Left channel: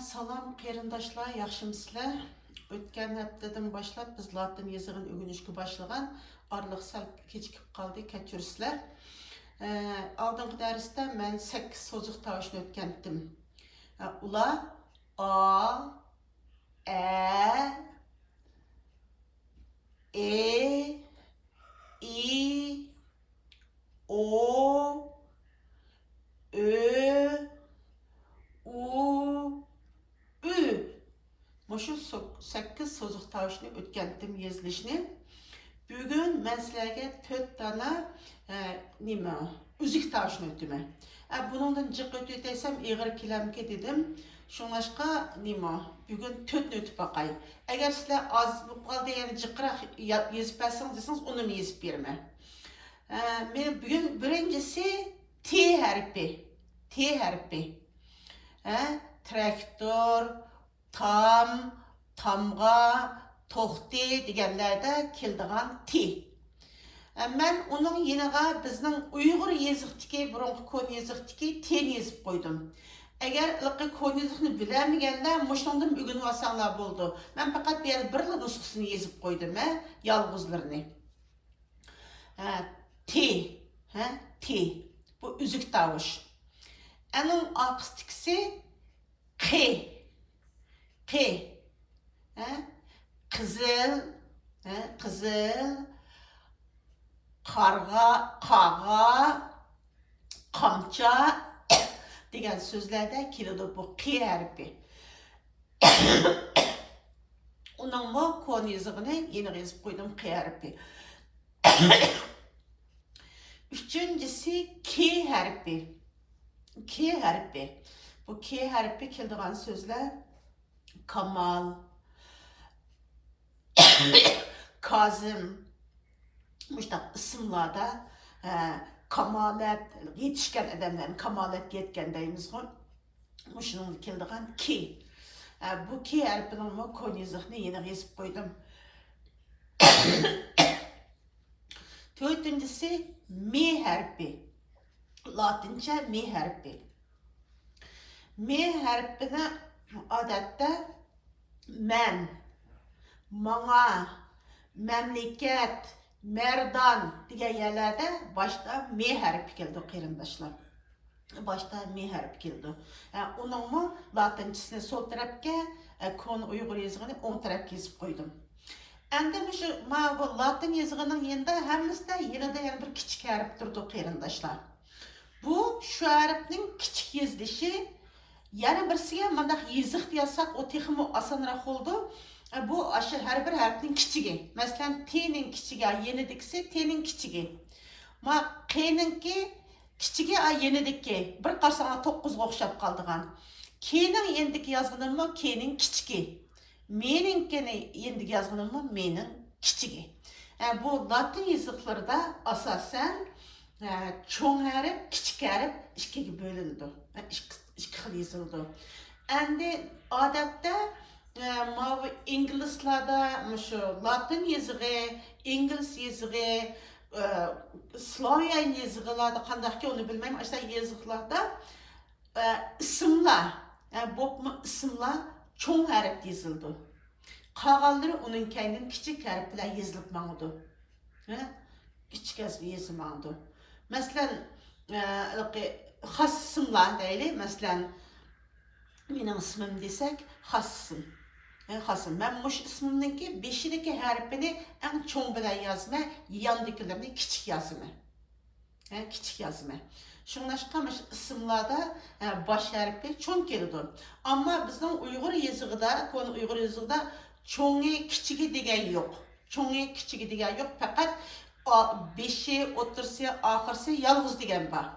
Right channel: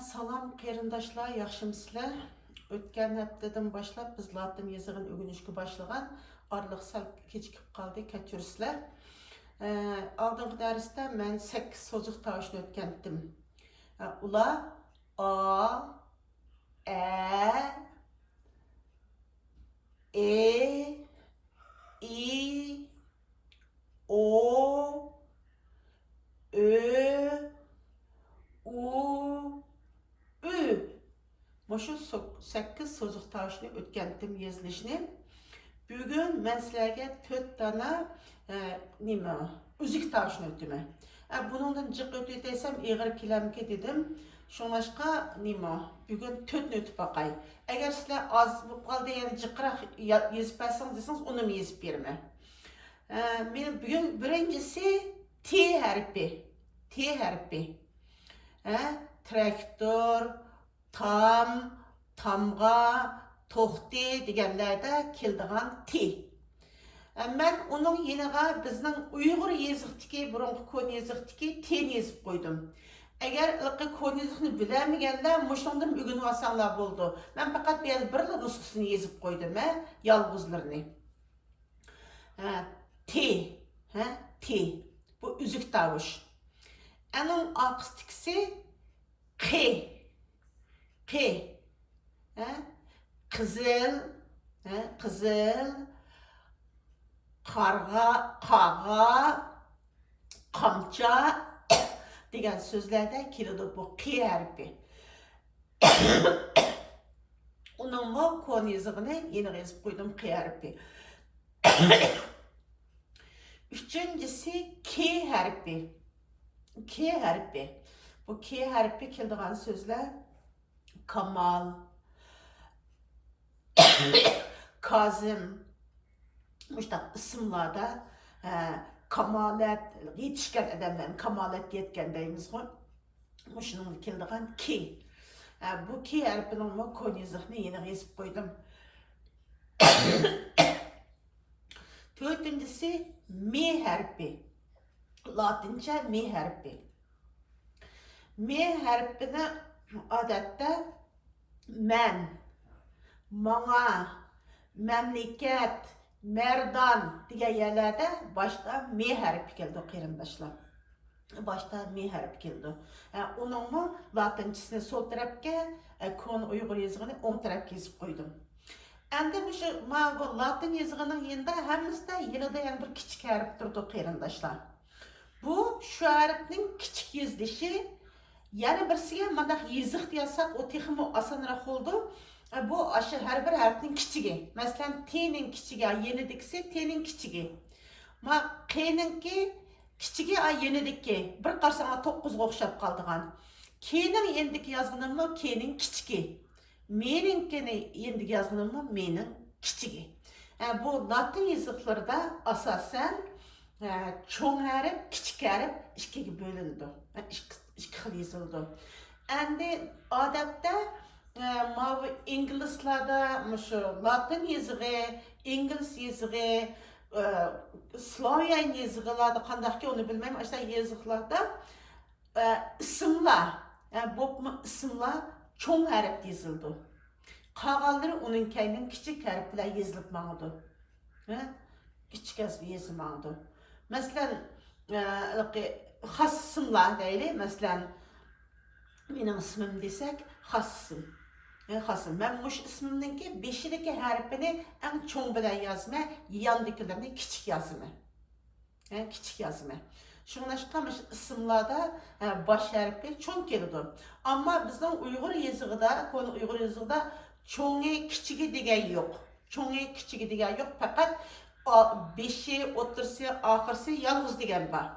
Salam qeyrindaşlar, yaxşımısızlar? Ötken haftadan başlap biz Latin yazığın ögünüşkü başlagan aralıq sal keçikip qaldı, keçürsizlər. Aldığım dərsdə mən 8 sozuq tavışını ötkəndim. Ular A, Ə, E, I, O, Ö, U, Ü. Şu 8 sozuq tavışını ötkəndim yazılışını. Bugün mən sizlərə 4 dana üzük tavışını ötdüm. Bunundan cıq ötüydəysəm eğir kiləmki dedim. Şunlaşqa bugün 4 ötüp bakay. Eğer sizlər az bu qaldı, yani cıqıraq yazıp bəsiniz desiniz, onu mu yazıp vermə. Bugün birincisi T hərfi. T hərfi. Traktor, tam, tamğa, toxti deganlarda keldigan T. Mən onun yeniga bizning Uyg'ur yoziqdagi, burungi kon yoziqdagi T'ni yozib qo'ydim. Agar ilqi kon yoziqni bilmaganlar mushundan o'rganib olsanglar bo'ldi. Men faqat bu yerda bir nusxasini yozib qo'ydim, yolg'izlarini. T, T. Bu üzük tavuş. Onun akustikisi Q. Q. Qızıl, qızıl, qarğa, qağa, qamça degan so'zlarda keladi bu Q hərfi. Onun bu kon yazığını yeni yazıp koydum Q hərfi. Üçüncüsü K hərfi. K hərfi. Bu K hərfi keldiğen sözler Kamal, Kazım, müştaq isimlarda kamalet, yetişken adamların kamalet yetken deyimiz o. Müşunun keldiğen K. Bu K hərfinin kon yazığını yeni yazıp koydum. Dördüncüsü M hərfi. Latince M hərfi. M hərfini adətdə mən, mana, məmləkət, mərdan degan yerlərdə başta M hərfi keldi qeyrindaşlar. Başta M hərfi keldi. Onun latincesini sol tərəfə, kon Uyğur yazığını on tərəfə yazıb qoydum. Endi bu Latin yazığının yanında həmimizdə yenida bir kiçik hərf durdu qeyrindaşlar. Bu şu hərfinin kiçik yazılışı. Yani birisiga mandaq yazıq deyəsək, o texmi asanraq oldu. Bu hər bir hərfinin kiçigi. Məsələn, T'nin kiçigi, yenidikisi T'nin kiçigi. Q'ninki kiçigi, yenidiki. Bir qarasana 9'ga oxşap qaldığan. K'nin yendiki yazğınım mı? K'nin kiçigi. M'ninkini yendiki yazğınım mı? M'nin kiçigi. Bu Latin yazıqlarda asasen çoğ hərf, kiçik hərf ikiga bölündü. İki xil yazıldı. Endi adətdə İngilizlarda Latin yazığı, İngiliz yazığı, Slavyan yazıqlarda qandaq ki onu bilməyim, işte yazıqlarda isimler, bopma isimler çoğ hərf yazıldı. Qağalları onun kəydin kiçik hərflər yazılıb məğudu. Kiçik hərf yazılmağıdı. Məsələn, xas isimler deyili. Mesela benim ismim desek xasım. Xasım. Ben muş ismimdeki 5'deki harfini en çoğun bilen yazma, yandakilerini küçük yazma. Küçük yazma. Şunlaşqamış isimlerde baş harfi çoğun geliyor. Ama bizden Uygur yazıqda, konu Uygur yazıqda çoğunu küçüğü degen yok. Çoğunu küçüğü degen yok. Fakat 5'i, otursi, ahırsı yalğız degen var.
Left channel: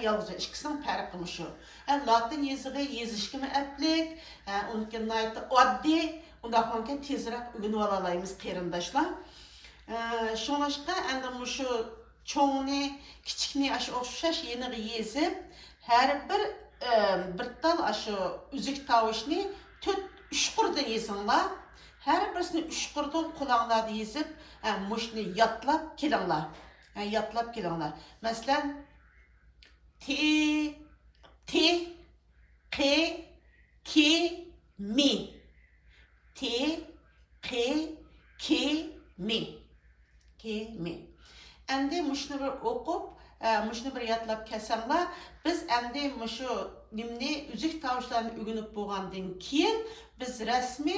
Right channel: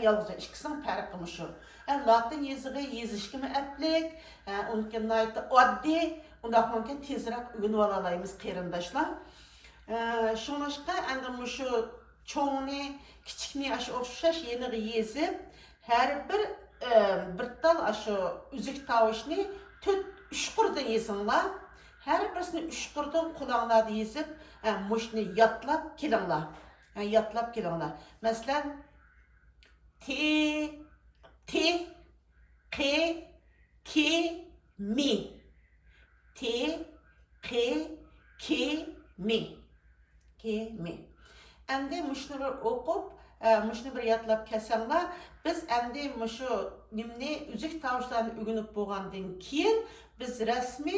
Yalğız ikisinin fərqi şu. Latin yazığı yazışkımı ətlik, onunkin nayıtı addi, ondaqmanken teziraq ögünü alalayımız qeyrindaşlar. Şunlaşqa, əndi şu çoğunu, kiçikni aşı oxşaş yeniği yazıb, hər bir dal aşı üzük tavışını 3 qurdan yazınlar. Hər birisini 3 qurdan kulağınlarda yazıb, muşni yatlap kelinglar. Yatlap kelinglar. Məsələn, T, Q, ki, mi. Ti, ki, mi. Ki, mi. Endi muşunu bir okup, muşunu bir yatlap kesenler, biz endi muşu nimni üzük tavuşlarını ügünüp boğandın kiyin, biz resmi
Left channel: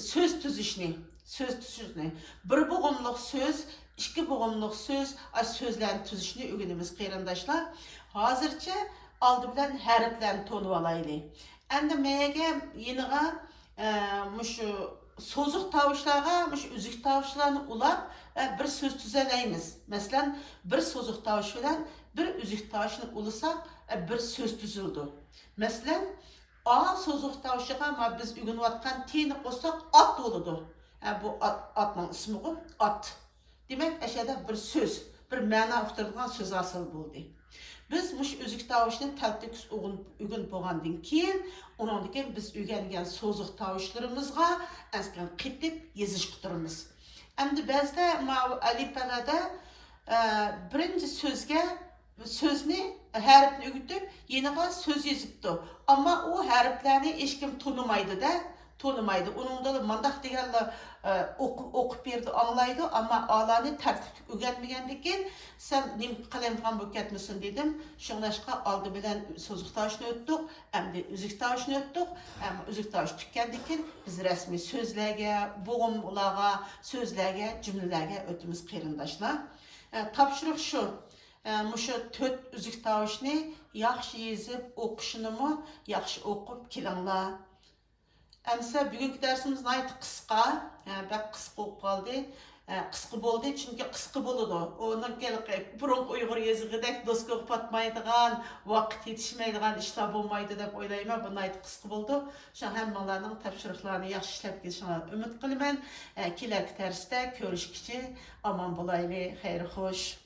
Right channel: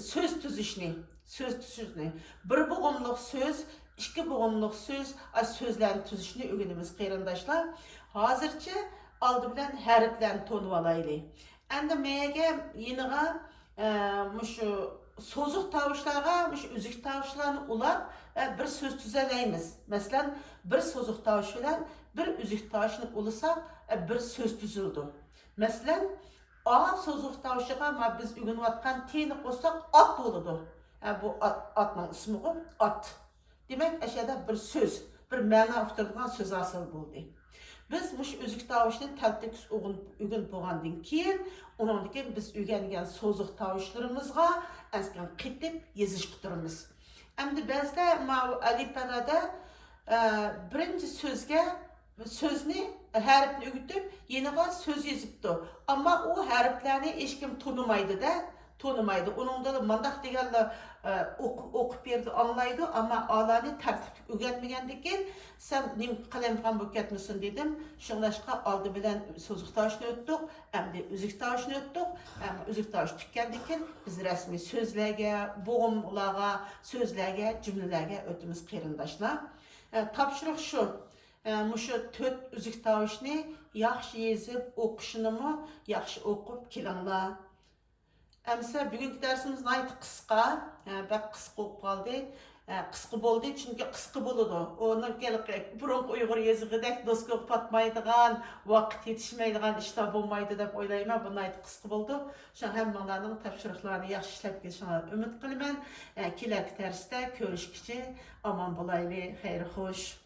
söz tüzüşünü, bir boğumluk söz, iki boğumluk söz, sözlerin tüzüşünü ügünümüz kıyrandaşlar. Hazırca aldı bilen harflerini tonup alaylı. Endi meyege yeniga muşu sozuk tavuşlarga, muşu üzük tavuşlarını ulap bir söz tüzeleymiz. Mesela bir sozuk tavuş bilen bir üzük tavuşunu ulusak bir söz tüzüldü. Mesela A sozuk tavuşuga ama biz ügünüp atkan teni koysak at oludu. Bu atның ismi o, at. Demek eşede bir söz, bir mana uqtırılgan söz asıl buldu. Biz muş üzük tavuşunu təltək ügün boğandan keyin, ondan keyin biz ügənген sozuk tavuşlarımızga əsken qitip yeziş qıtırımız. Endi bəzdə alifbelada birinci sözni harfni ügütüp yeniga söz yazıptı. Ama o harflerini hiç kim tanımaydı da, tanımaydı. Onun da mandak degenle okup berdi, anlaydı ama alani tertip öğrenmegendeki sen nim kalemgan bu ketmesin dedim. Şunlaşka aldı bilen sözlük taşını öttük, hem de üzük taşını öttük. Ama üzük taşı tükkendeki biz resmi sözlerge, boğumlarga, sözlerge, cümlelerge ötümüz kıyırındaşlar. Tapşırıq şu. Muşu 4 üzük tavuşunu yaxşı yazıp okuşunumu yaxşı okup kilanglar. Әмсе бүгінгі дәрсіміз найты қысқа, бәк қысқа оқып қалды. Қысқы болды, çünkü қысқы болады. Оның бұрынғы ұйғыр езігідек дос көп батмайдыған, уақыт етішмейдіған işler болмайды деп ойлаймын. Bu найты қысқы болды. Шаң әммаларының тапшырықларını yaxşı işlep geçişine ümit qilman. Келергі дәрісте көрішкіше аман болайлы, xeyri xoş.